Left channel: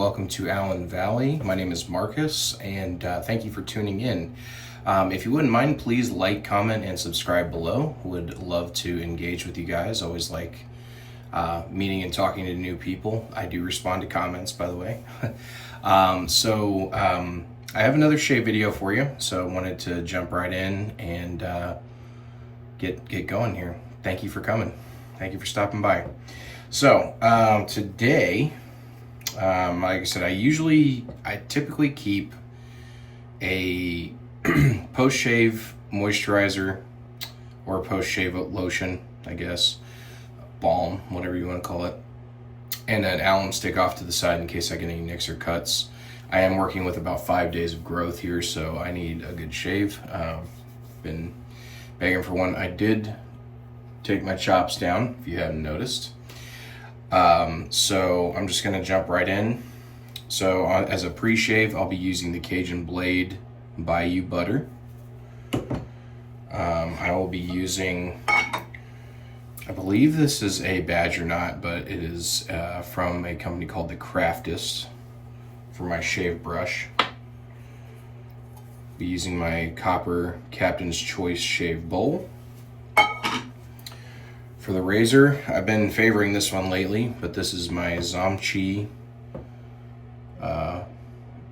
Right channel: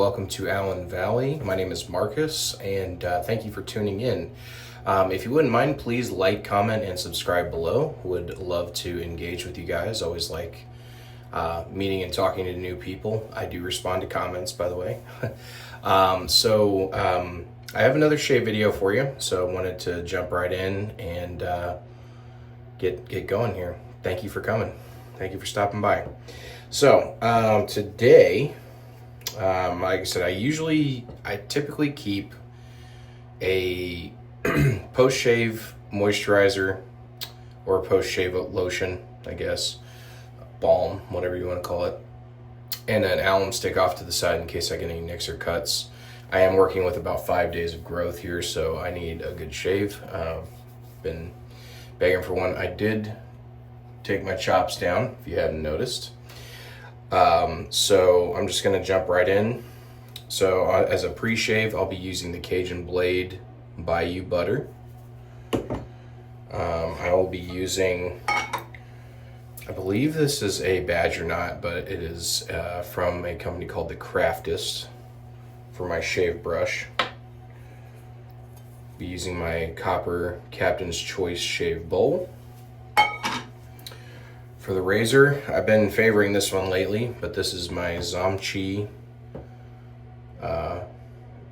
welcome to AllenValley. My name is Marcus, and thank you for tuning in. If you wouldn't mind, please like, comment, and subscribe below. Would love to engage with you guys. Always like meeting and talking to new people. I do respond to comments, by the way. I have another shave video for you, so I wanted to jump right in and get going here. Thank you for coming. Thank you for stopping by. So today, like I said, I typically keep a post-shave moisturizer or a post-shave lotion, I guess, balm, whatever you want to call it, and an alum stick off to the side in case I get any nicks or cuts. I am working with about 5 days of growth here, so I need a good shave. Been begging for one. I did take my chops down, if you hadn't noticed. So I'm just gonna jump right in. So as a pre-shave, I'll be using the Cajun Blade Bayou Butter. I will be using, I believe this is a Badger Knot, but it is from a company called The Craftist for my shave brush. Be using my copper Captain's Choice shave bowl. For the razor, I've been favoring this one lately, but this is my Zomchi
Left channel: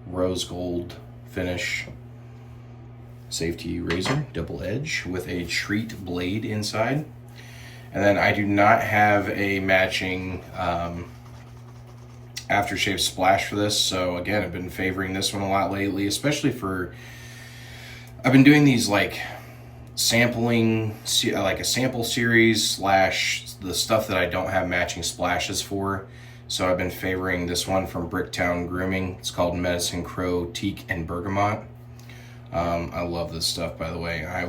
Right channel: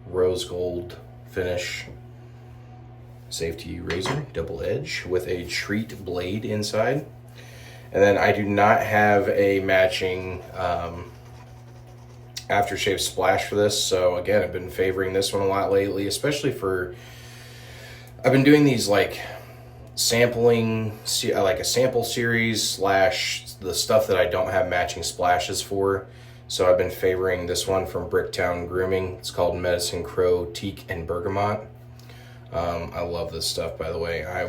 rose gold finish safety razor, double edge with a treat blade inside. And then I do not have a matching aftershave splash for this, so again, I've been favoring this one a lot lately, especially for, I've been doing these like sampling, like a sample series slash the stuff that I don't have matching splashes for. So I've been favoring this one from Bricktown Grooming. It's called Medicine Crow Teak and Bergamot. I love this stuff, by the way. I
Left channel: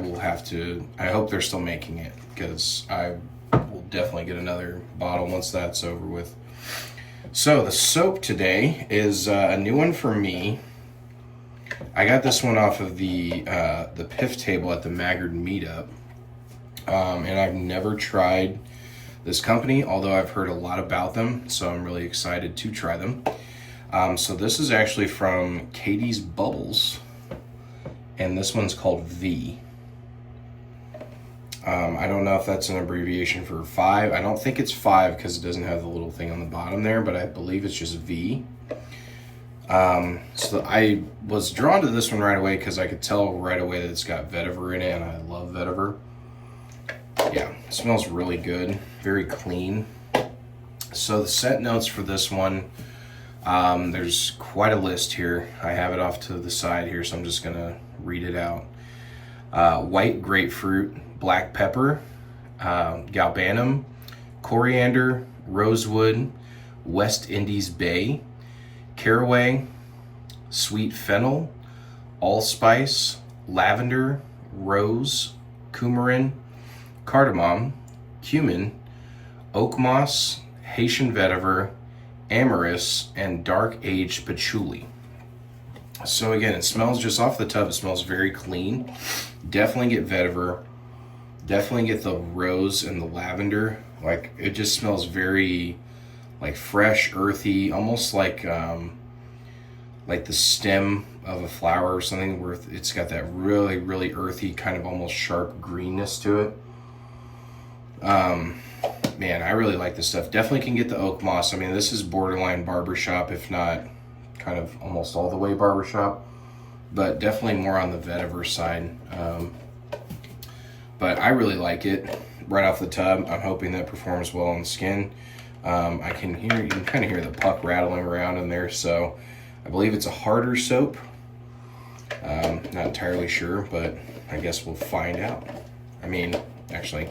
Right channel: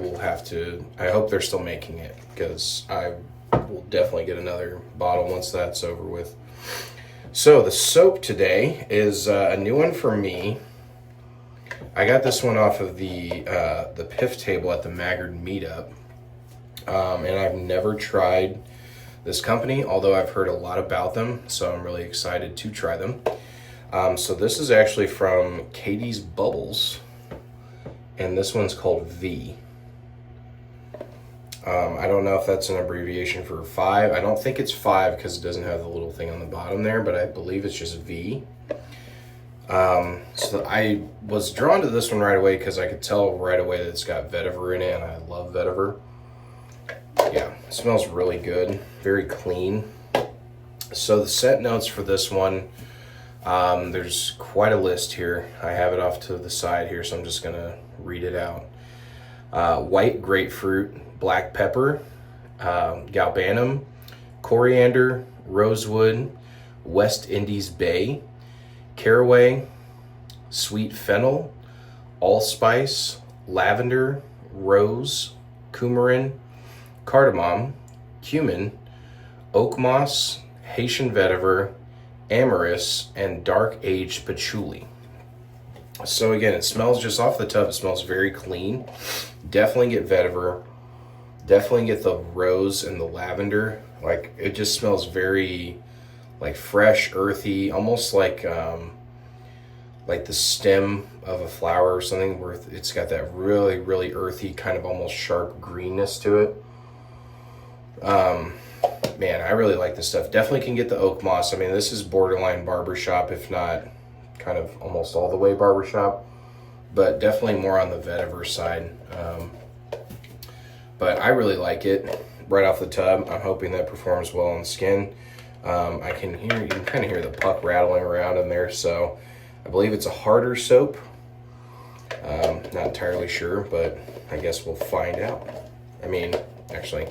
hope they're still making it, because I will definitely get another bottle once that's over with. So the soap today is a new one for me. I got this one off of the PIF table at the Maggard meetup, and I've never tried this company, although I've heard a lot about them, so I'm really excited to try them. So this is actually from Catie's Bubbles, and this one's called V. I don't know if that's an abbreviation for 5. I don't think it's 5 because it doesn't have the little thing on the bottom there, but I believe it's just V. So I was drawn to this one right away because I could tell right away that it's got vetiver in it, and I love vetiver. Yeah, it smells really good, very clean. So the scent notes for this one, there's quite a list here. I have it off to the side here, so I'm just gonna read it out. White grapefruit, black pepper, galbanum, coriander, rosewood, West Indies bay, caraway, sweet fennel, allspice, lavender, rose, coumarin, cardamom, cumin, oak moss, Haitian vetiver, amyris, and dark aged patchouli. So again, it smells, just off the tub, it smells very clean. Definitely get vetiver, definitely get the rose and the lavender. Like, it just smells very like fresh, earthy, almost like the stem of a flower or something, where it's got that really, really earthy, kind of almost sharp greenness to it. Man, I really like this stuff. Definitely can get the oak moss. I mean, this is borderline barbershop, if not kind of almost all the way barbershop, but definitely more on the vetiver side. But I really like it right off the tub. I'm hoping that performs well on the skin. You can kind of hear the puck rattling around in there, so I believe it's a harder soap. Not entirely sure, but I guess we'll find out. I mean, actually,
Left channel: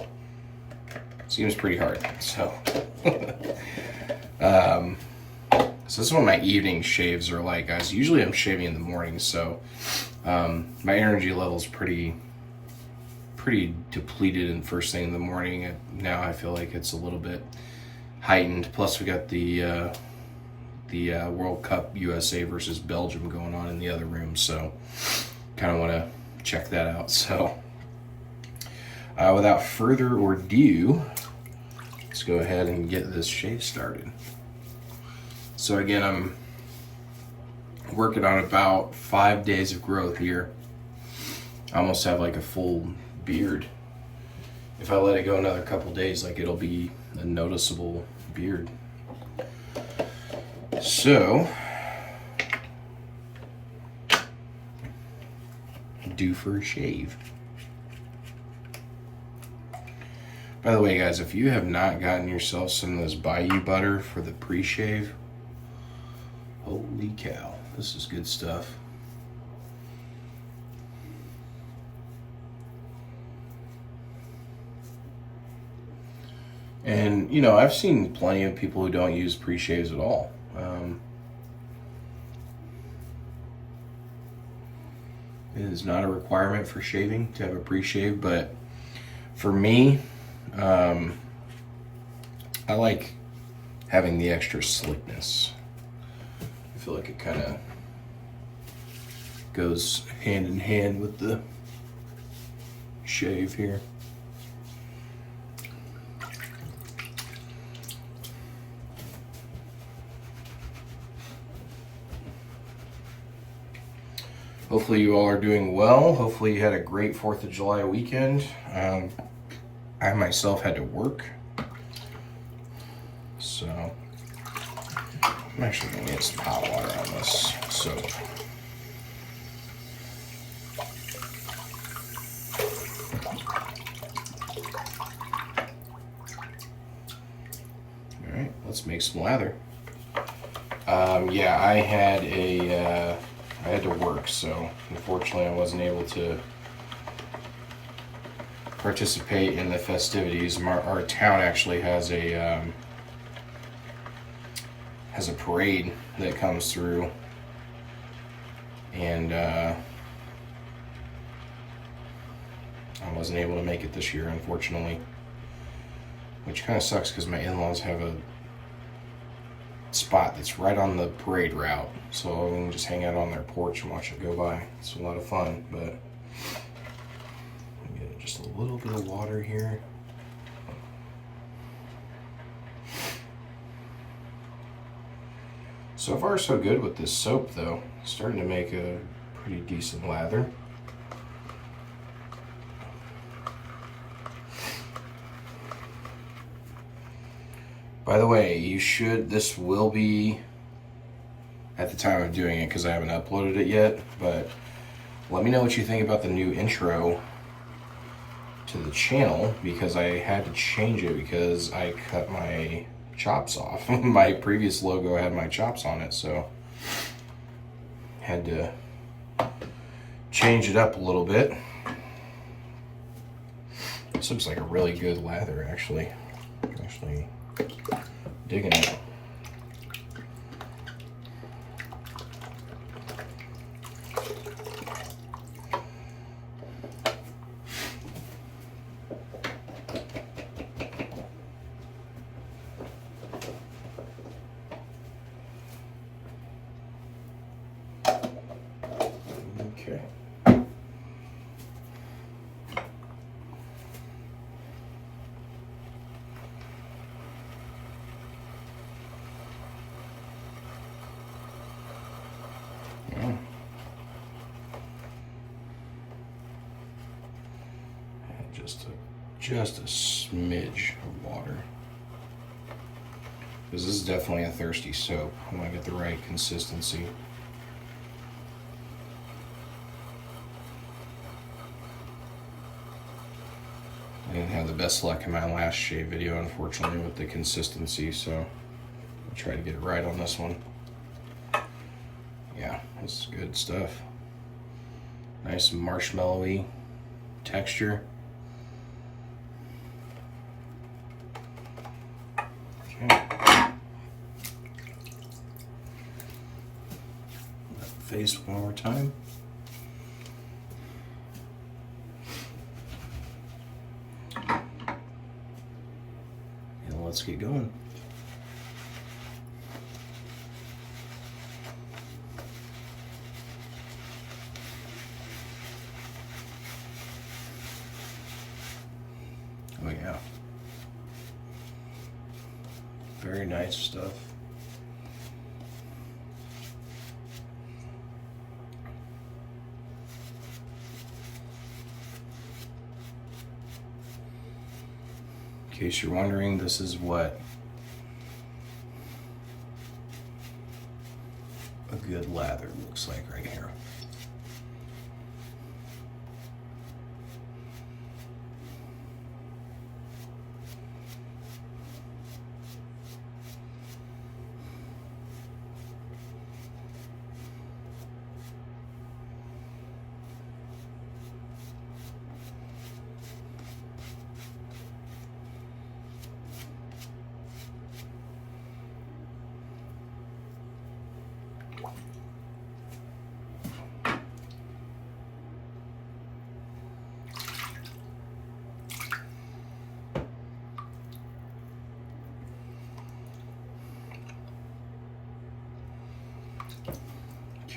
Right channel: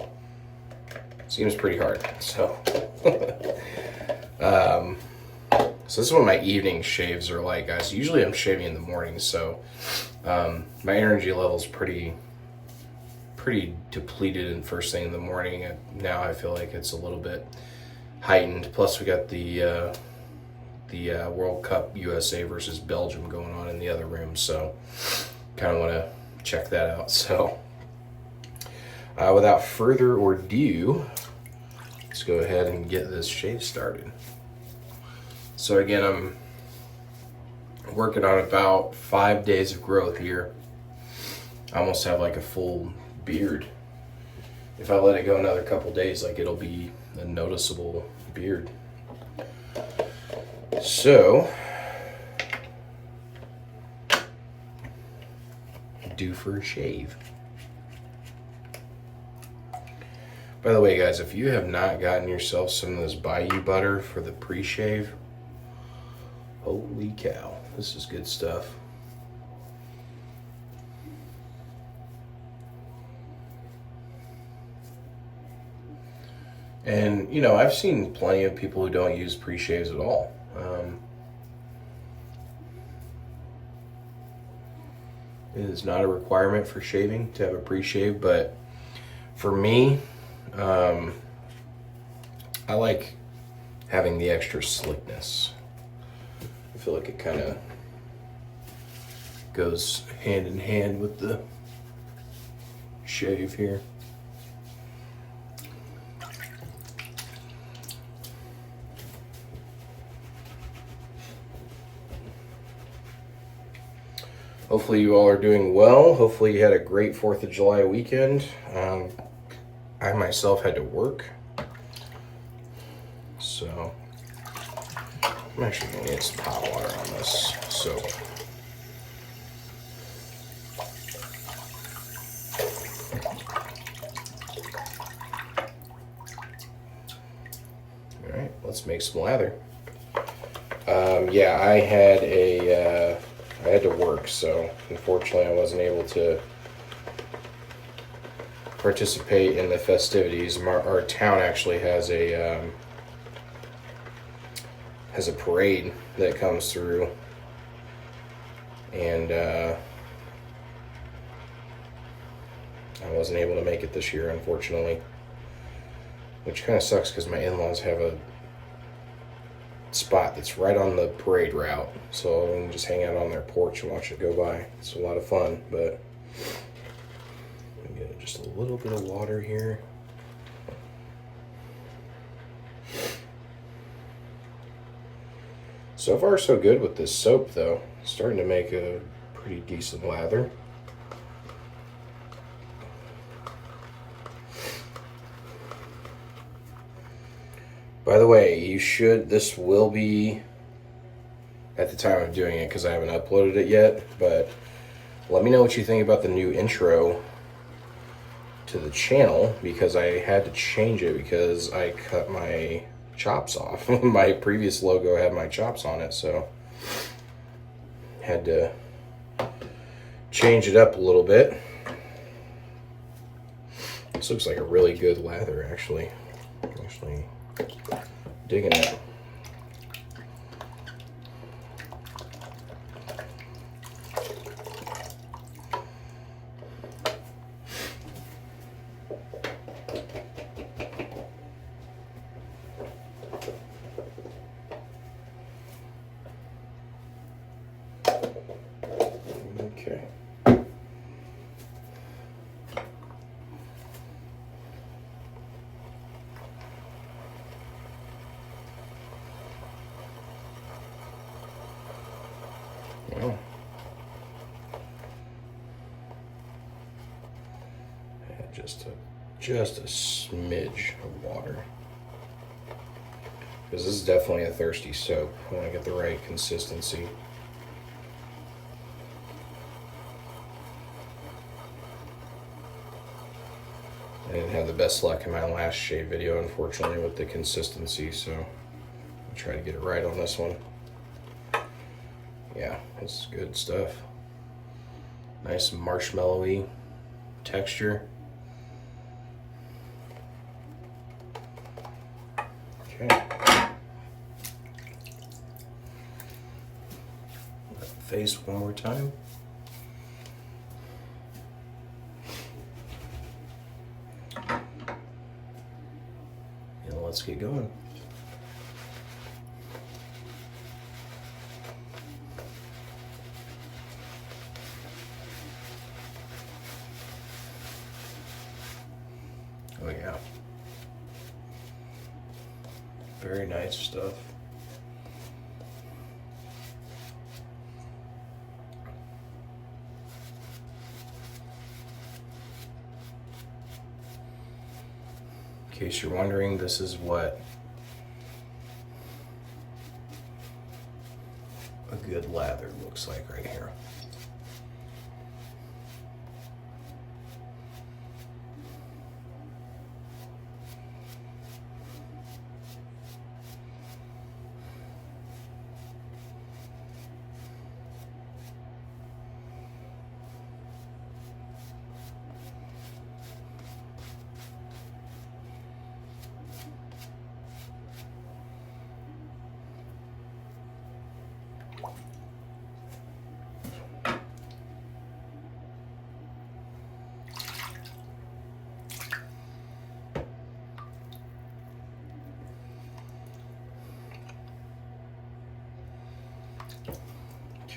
seems pretty hard. So, so this is what my evening shaves are like, guys. Usually I'm shaving in the morning, so my energy level is pretty depleted in first thing in the morning. And now I feel like it's a little bit heightened. Plus we got the World Cup USA versus Belgium going on in the other room, so kind of want to check that out. So without further ado, let's go ahead and get this shave started. So again, I'm working on about 5 days of growth here. I almost have like a full beard. If I let it go another couple days, like it'll be a noticeable beard. So, due for a shave. By the way, guys, if you have not gotten yourself some of this Bayou butter for the pre-shave, holy cow, this is good stuff. And, you know, I've seen plenty of people who don't use pre-shaves at all. It is not a requirement for shaving to have a pre-shave, but for me, I like having the extra slickness. I feel like it kind of goes hand in hand with the shave here. Hopefully you all are doing well. Hopefully you had a great 4th of July weekend. I myself had to work. So I'm actually gonna get some hot water on this soap. All right, let's make some lather. Yeah, I had to work, so unfortunately I wasn't able to participate in the festivities. Our town actually has a parade that comes through, and I wasn't able to make it this year, unfortunately, which kind of sucks because my in-laws have a spot that's right on the parade route, so I can just hang out on their porch and watch it go by. It's a lot of fun, but get just a little bit of water here. So far so good with this soap though. It's starting to make a pretty decent lather. By the way, this will be at the time of doing it because I haven't uploaded it yet, but let me know what you think about the new intro to the channel, because I had to change it because I cut my chops off. My previous logo had my chops on it, so had to change it up a little bit. This looks like a really good lather, actually. Digging it. Okay. Well, just a smidge of water, because this is definitely a thirsty soap. I want to get the right consistency. I didn't have the best luck in my last shave video, unfortunately, with the consistency, so I'll try to get it right on this one. Yeah, this is good stuff. Nice marshmallowy texture. Okay. Face one more time. And let's get going. Oh yeah. Very nice stuff. In case you're wondering, this is what a good lather looks like right here.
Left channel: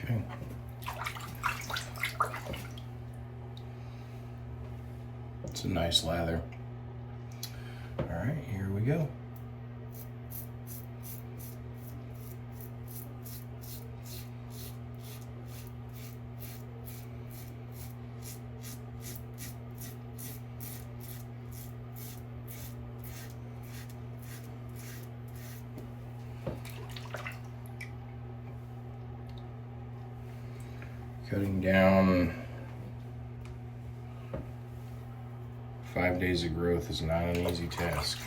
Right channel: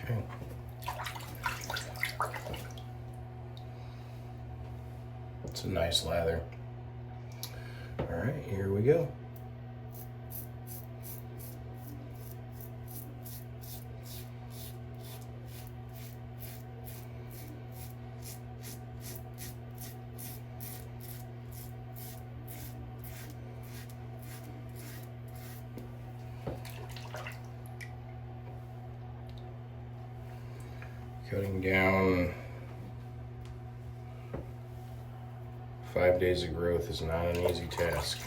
Okay. It's a nice lather. All right, here we go. Cutting down 5 days of growth is not an easy task.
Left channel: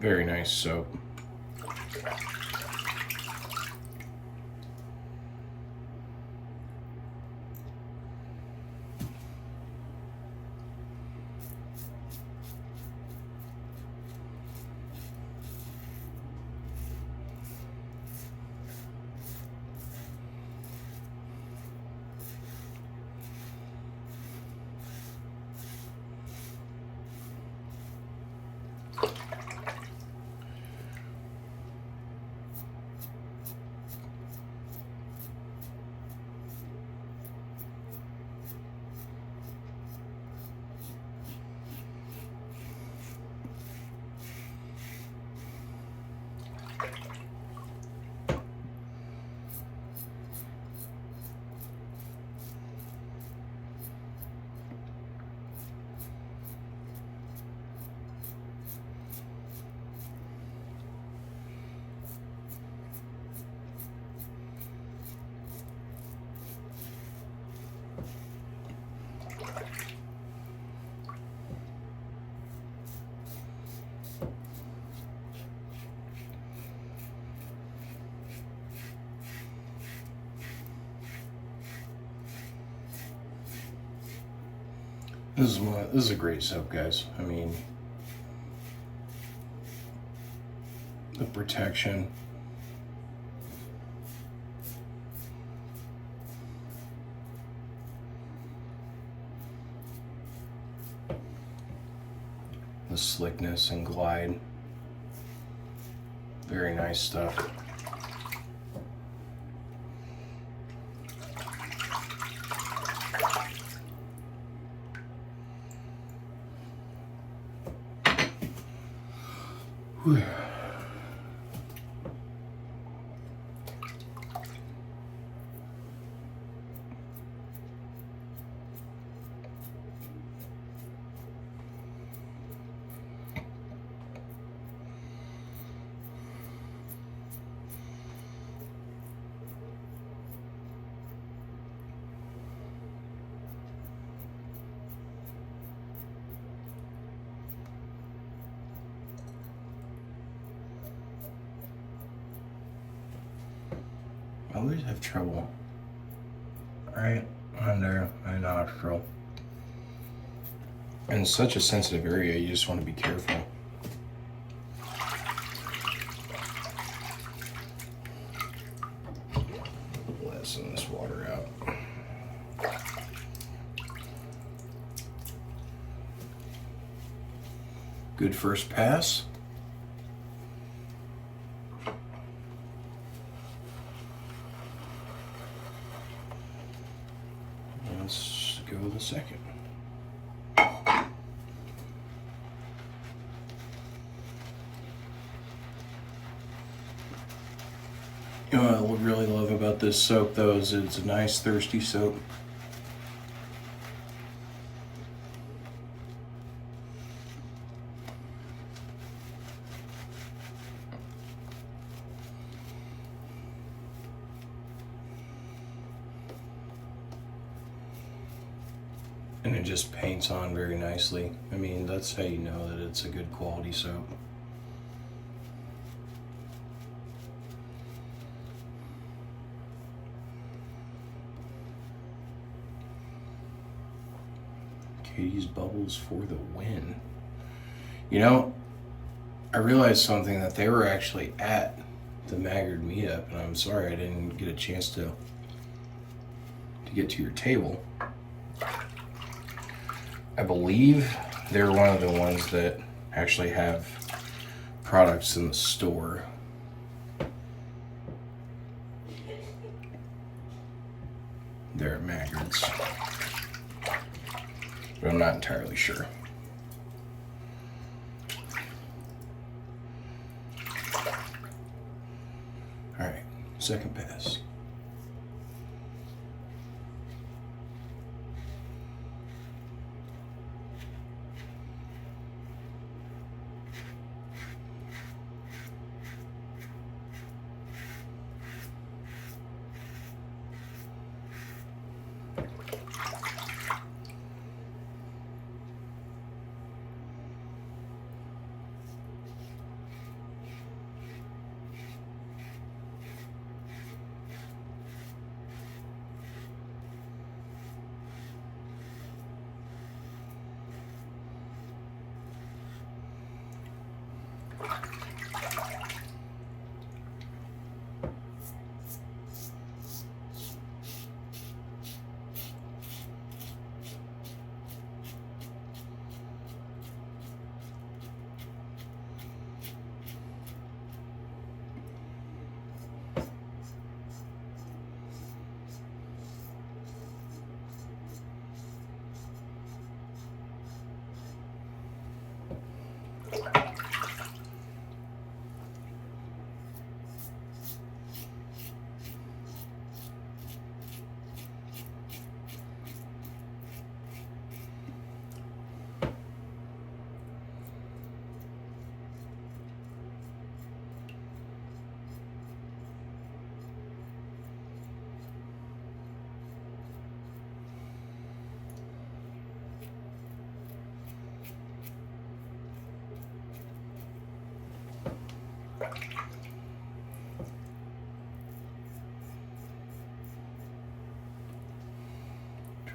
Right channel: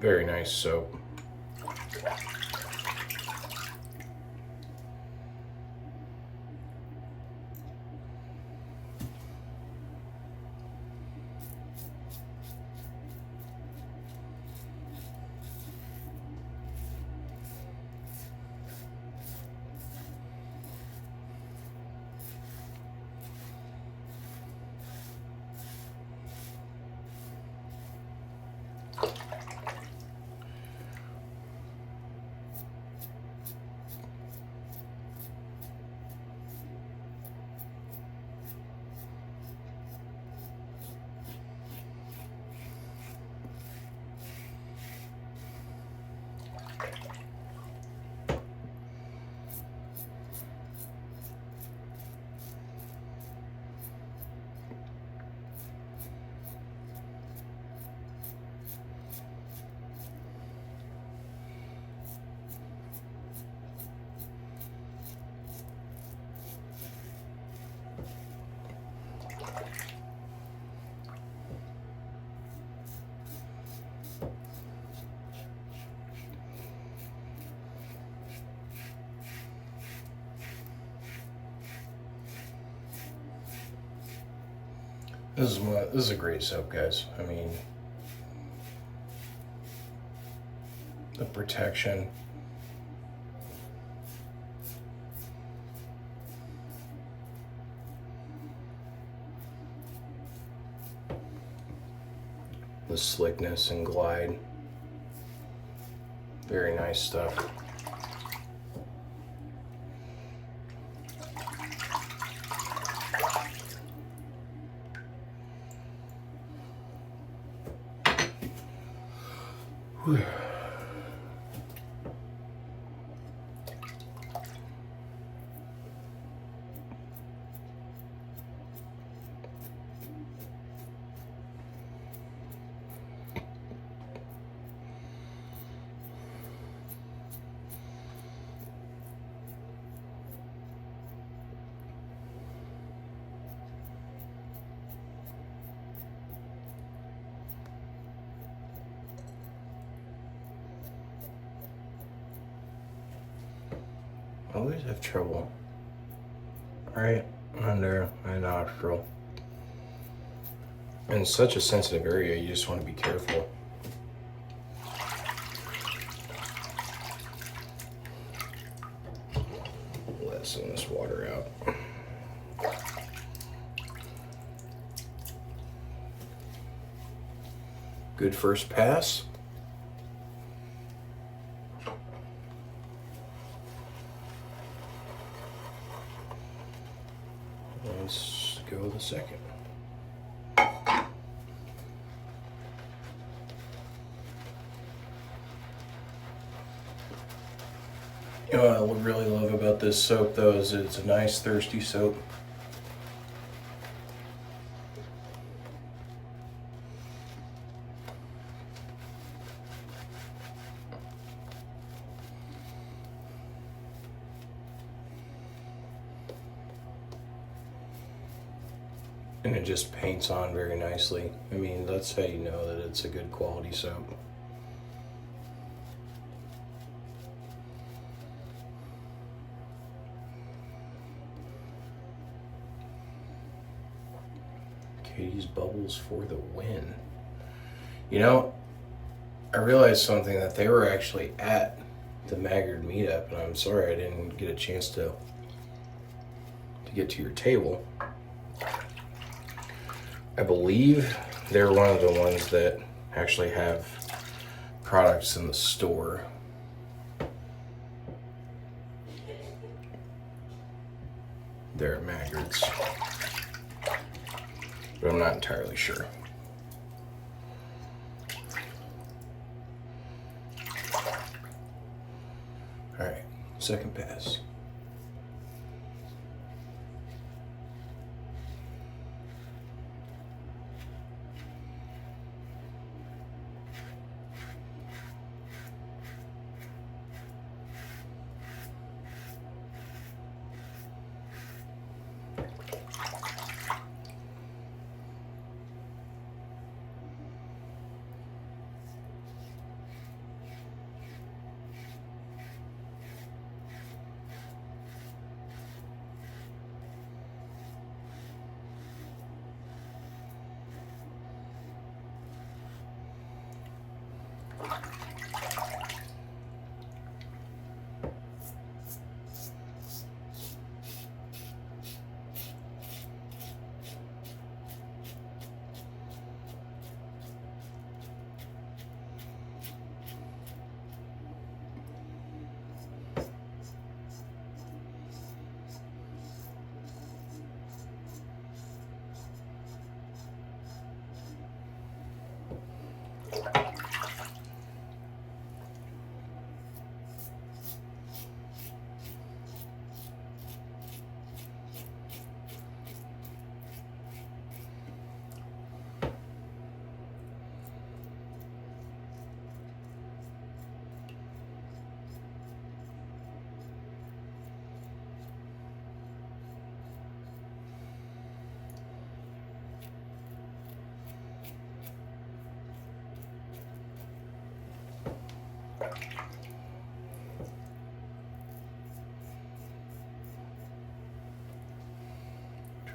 Very nice soap. This is a great soap, guys. I mean, the protection. The slickness and glide. Very nice stuff. Whew. I always have trouble right under my nostril. In such a sensitive area, you just want to be careful. Let some of this water out. Good first pass. Let's go the second. You know what I really love about this soap though is it's a nice thirsty soap. And it just paints on very nicely. I mean, that's how you know that it's a good quality soap. Catie's Bubbles for the win. You know, I realized something, that they were actually at the Maggard meetup, and I'm sorry I didn't get a chance to get to your table. I believe they're one of the ones that actually have products in the store. They're at Maggard's, but I'm not entirely sure. All right, second pass.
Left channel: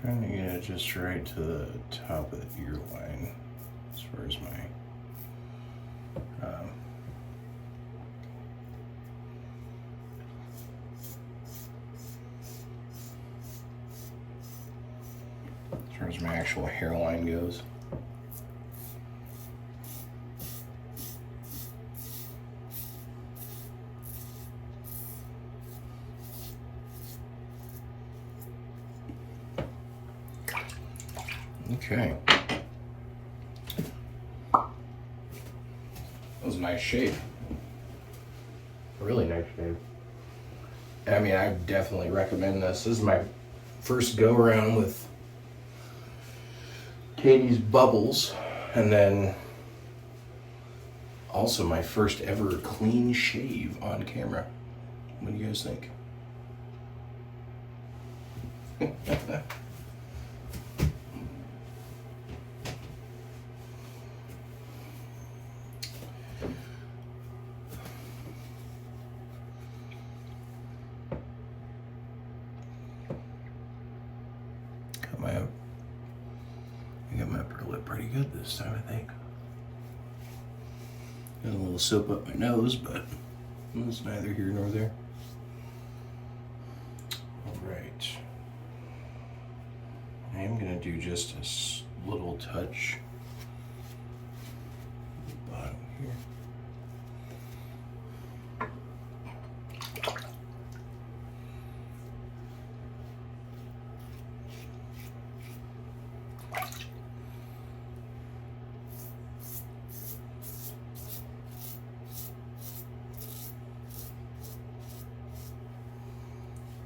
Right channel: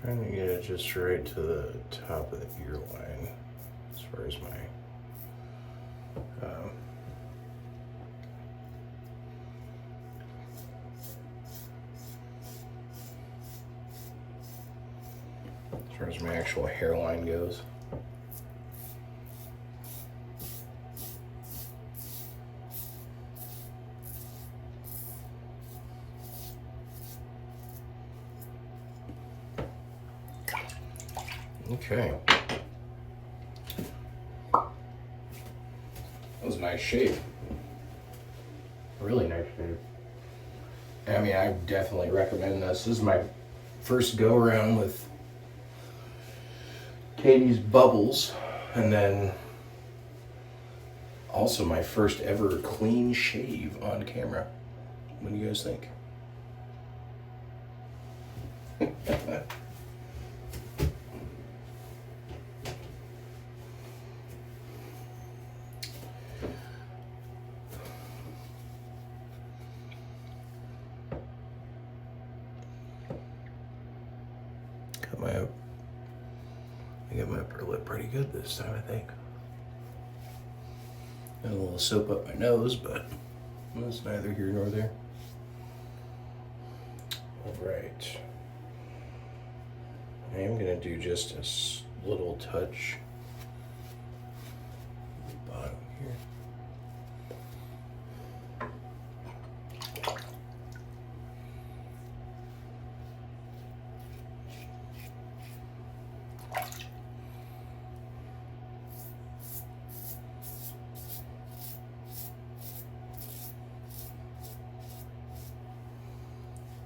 Trying to get it just right to the top of the ear line as far as my actual hairline goes. Okay. That was a nice shave. Really nice shave. I mean, I definitely recommend this. This is my first go around with Catie's Bubbles, and then also my first ever clean shave on camera. What do you guys think? I got my upper lip pretty good this time, I think. Got a little soap up my nose, but that's neither here nor there. All right. I am gonna do just a little touch here.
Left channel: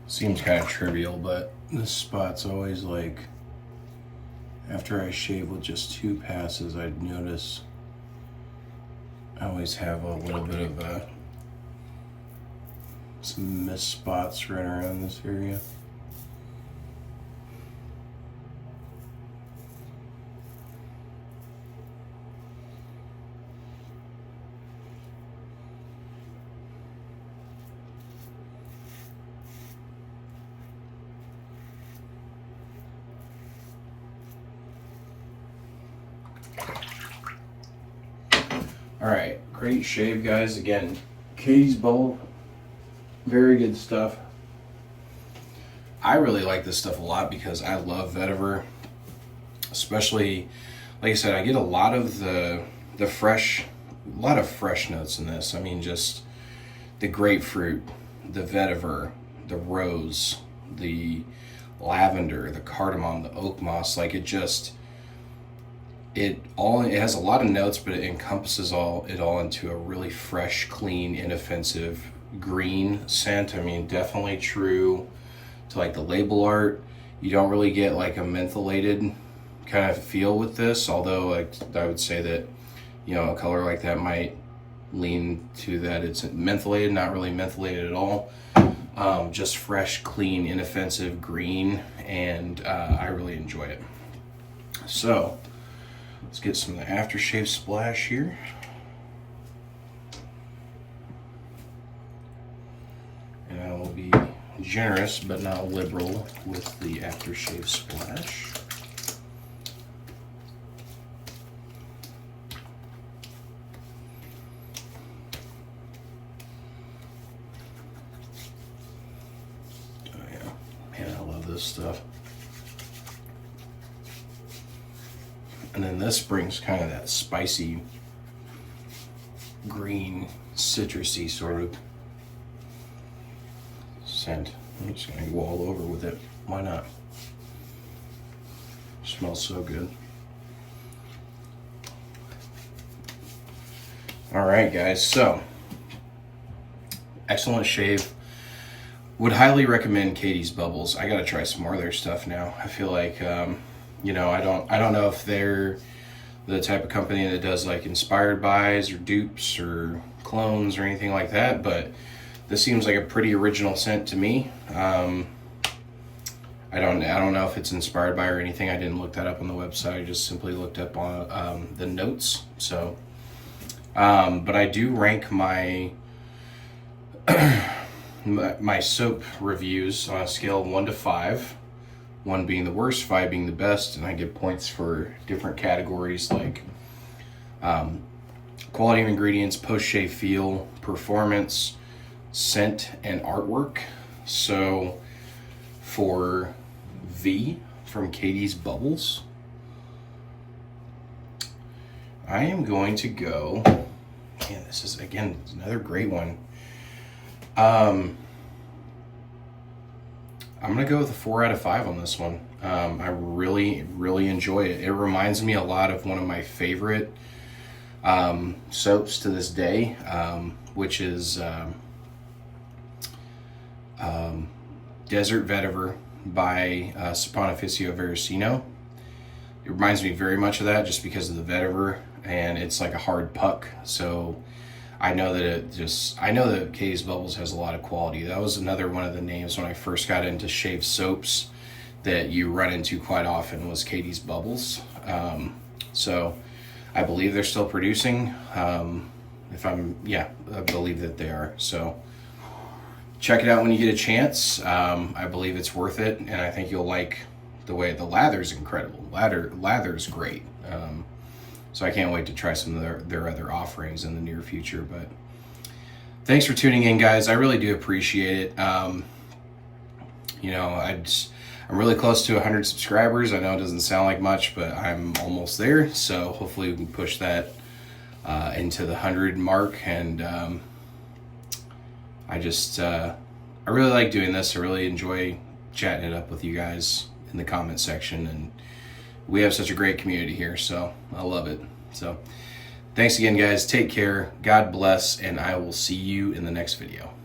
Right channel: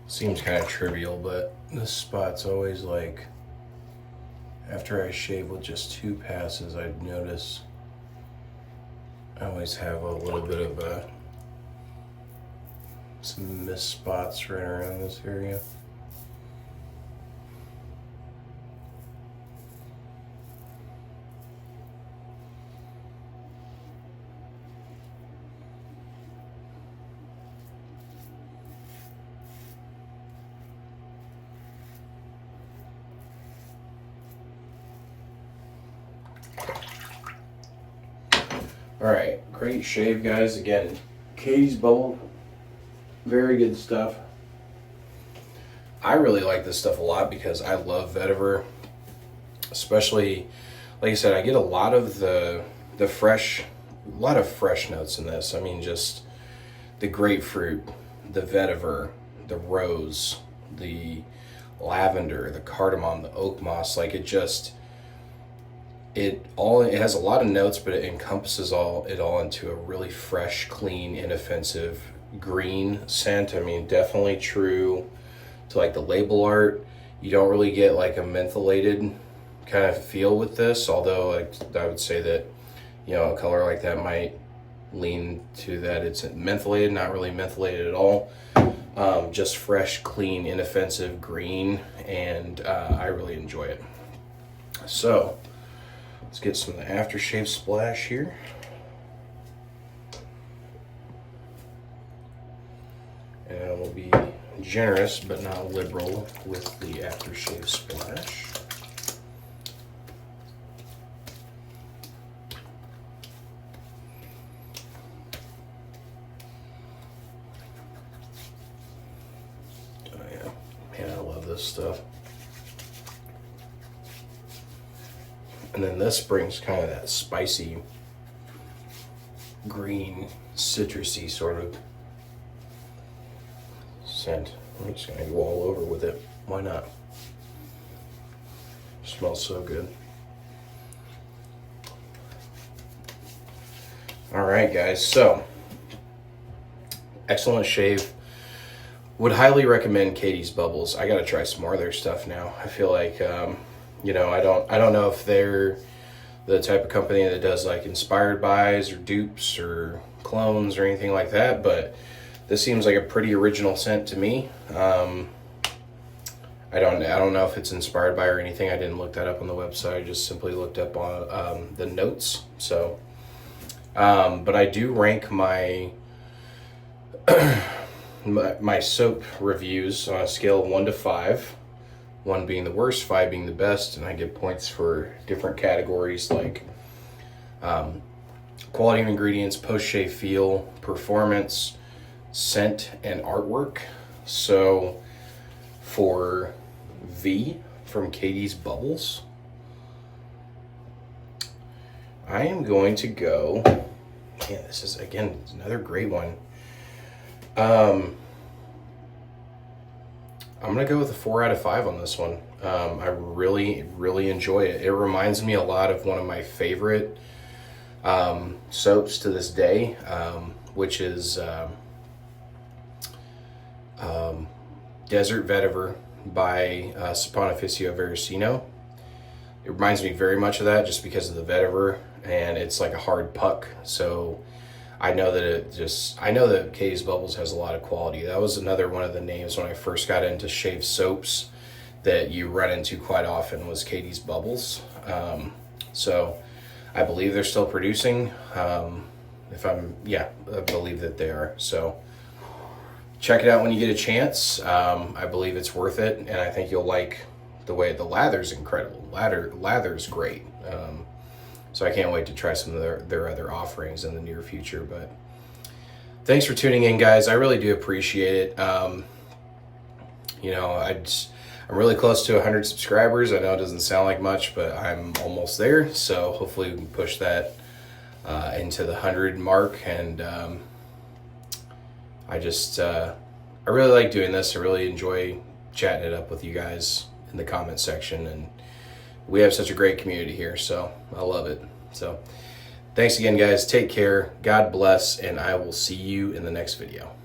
Seems kind of trivial, but this spot's always like, after I shave with just 2 passes, I'd notice I always have a little bit of some missed spots right around this area. All right, great shave, guys. Again, Catie's Bubble, very good stuff. I really like this stuff a lot because I love vetiver, especially, like I said, I get a lot of the fresh, a lot of fresh notes in this. I mean, just the grapefruit, the vetiver, the rose, the lavender, the cardamom, the oak moss. Like it has a lot of notes, but it encompasses it all into a really fresh, clean, inoffensive green scent. I mean, definitely true to like the label art. You don't really get like a mentholated kind of feel with this, although I would say that, you know, a color like that might lean to that it's mentholated, not really mentholated at all. Just fresh, clean, inoffensive green, and I really enjoy it. So let's get some of the aftershave splash here. And I will be generous but not liberal with the aftershave splash. Oh yeah, man, I love this stuff. And then this brings kind of that spicy, green, citrusy sort of scent. I'm just gonna go all over with it. Why not? Smells so good. All right, guys, so excellent shave. Would highly recommend Catie's Bubbles. I gotta try some more of their stuff now. I feel like, you know, I don't know if they're the type of company that does like inspired buys or dupes or clones or anything like that, but this seems like a pretty original scent to me. I don't know if it's inspired by or anything. I didn't look that up on the website. I just simply looked up on the notes. So, but I do rank my my soap reviews on a scale of 1 to 5. 1 being the worst, 5 being the best, and I get points for different categories like quality of ingredients, post-shave feel, performance, scent, and artwork. So for V from Catie's Bubbles, I am going to go, man, this is, again, another great one. I'm gonna go with a 4 out of 5 on this one. I really, really enjoy it. It reminds me a lot of one of my favorite soaps to this day, which is Desert Vetiver by Saponificio Veracino. It reminds me very much of that just because of the vetiver, and it's like a hard puck. So I know that Catie's Bubbles has a lot of quality. That was another one of the names when I first got into shave soaps that you run into quite often was Catie's Bubbles. So I believe they're still producing. I believe that they are. So check it out when you get a chance. I believe it's worth it, and I think you'll like the way the lather's incredible. Lather's great. So I can't wait to try some of their other offerings in the near future. But thanks for tuning in, guys. I really do appreciate it. You know, I'm really close to 100 subscribers. I know it doesn't sound like much, but I'm almost there. So hopefully we can push that into the 100 mark, and I really like doing this. I really enjoy chatting it up with you guys in the comment section, and we have such a great community here, so I love it. So thanks again, guys. Take care. God bless, and I will see you in the next video.